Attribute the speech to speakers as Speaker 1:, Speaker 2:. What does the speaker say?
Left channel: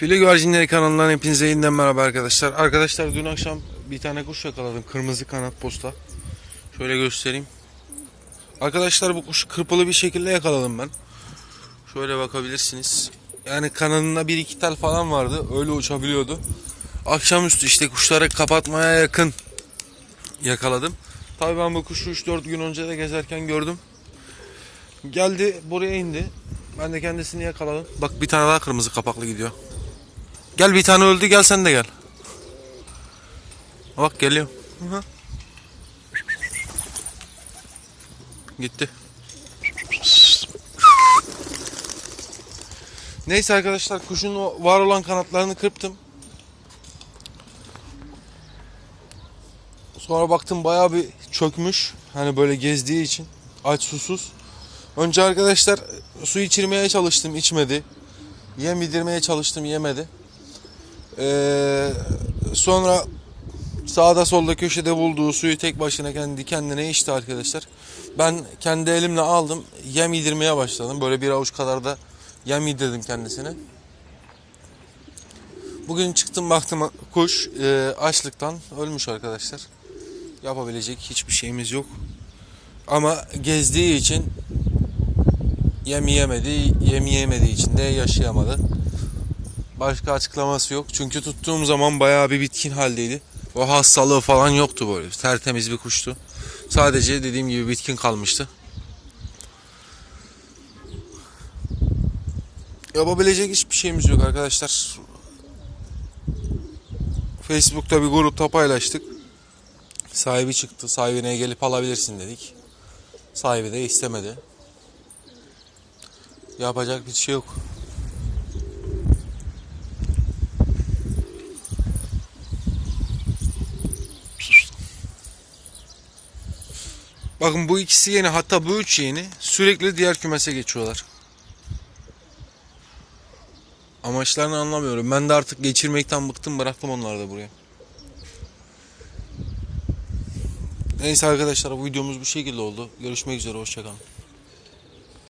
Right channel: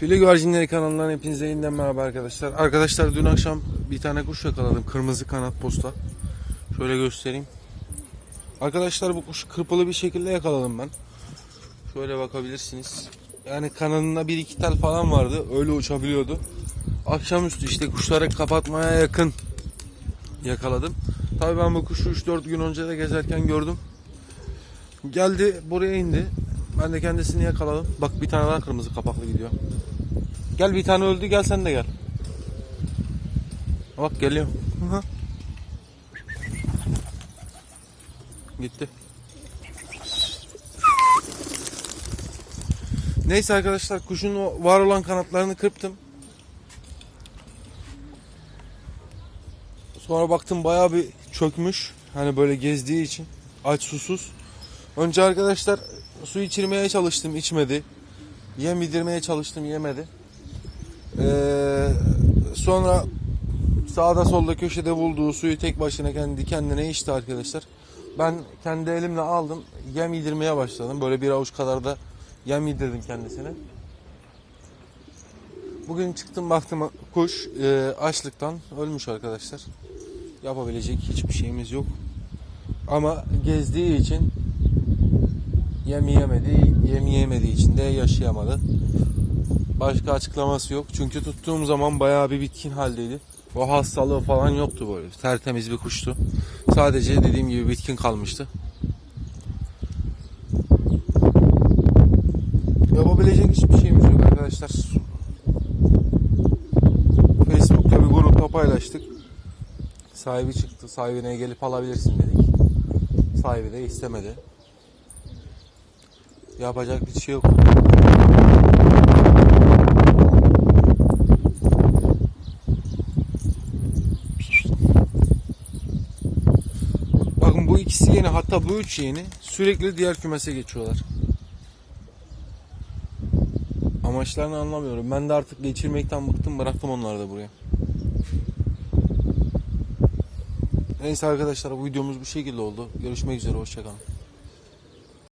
Speaker 1: Fili Güvercinleri kanalından hepinize yeniden merhaba arkadaşlar. Arkadaşlar dün akşam bir tane kuş yakaladım. Kırmızı kanat posta. Şöyle göstereyim. Arkadaşlar bu kuşu kırpılı bir şekilde yakaladım ben. Şöyle bakabilirsiniz. Yani kanadında bir iki tel falan vardı. Öyle uçabiliyordu. Akşamüstü işte kuşları kapatmaya yakın yakaladım. Tabii ben bu kuşu 3-4 gün önce de gezerken gördüm. Geldi buraya indi. Ben de kendisini yakaladım. Bak bir tane daha kırmızı kapaklı gidiyor. Gel bir tane öldü gel sen de gel. Bak geliyor. Gitti. Neyse arkadaşlar kuşun o var olan kanatlarını kırptım. Sonra baktım bayağı bir çökmüş. Hani böyle gezdiği için. Aç susuz. Önce arkadaşlar su içirmeye çalıştım içmedi. Yem yedirmeye çalıştım yemedi. Ee, sonra sağda solda köşede bulduğu suyu tek başına kendi kendine içti arkadaşlar. Ben kendi elimle aldım yem yedirmeye başladım. Böyle bir avuç kadar da yem yedirdim kendisine. Bugün çıktım baktım kuş e, açlıktan ölmüş arkadaşlar. Yapabilecek hiçbir şeyimiz yok. Ama gezdiği için yem yemedi, yem yemediği için de yaşayamadı. Başka açıklaması yok. Çünkü tuttuğum zaman bayağı bir bitkin haldeydi. O hastalığı falan yoktu böyle. Tertemiz bir kuştu. Sadece dediğim gibi bitkin kalmıştı. Yapabilecek hiçbir şeyimiz yok arkadaşlar. Facebook'ta bir grupta paylaştık. Sahibi çıktı. Sahibine gelip alabilirsin dedik. Sahibi de istemedi. Yapacak bir şey yok. Bakın bu ikisi yeni hatta bu üç yeni sürekli diğer kümese geçiyorlar. Amaçlarını anlamıyorum. Ben de artık geçirmekten bıktım bıraktım onları da buraya. Neyse arkadaşlar bu videomuz bu şekilde oldu. Görüşmek üzere hoşçakalın.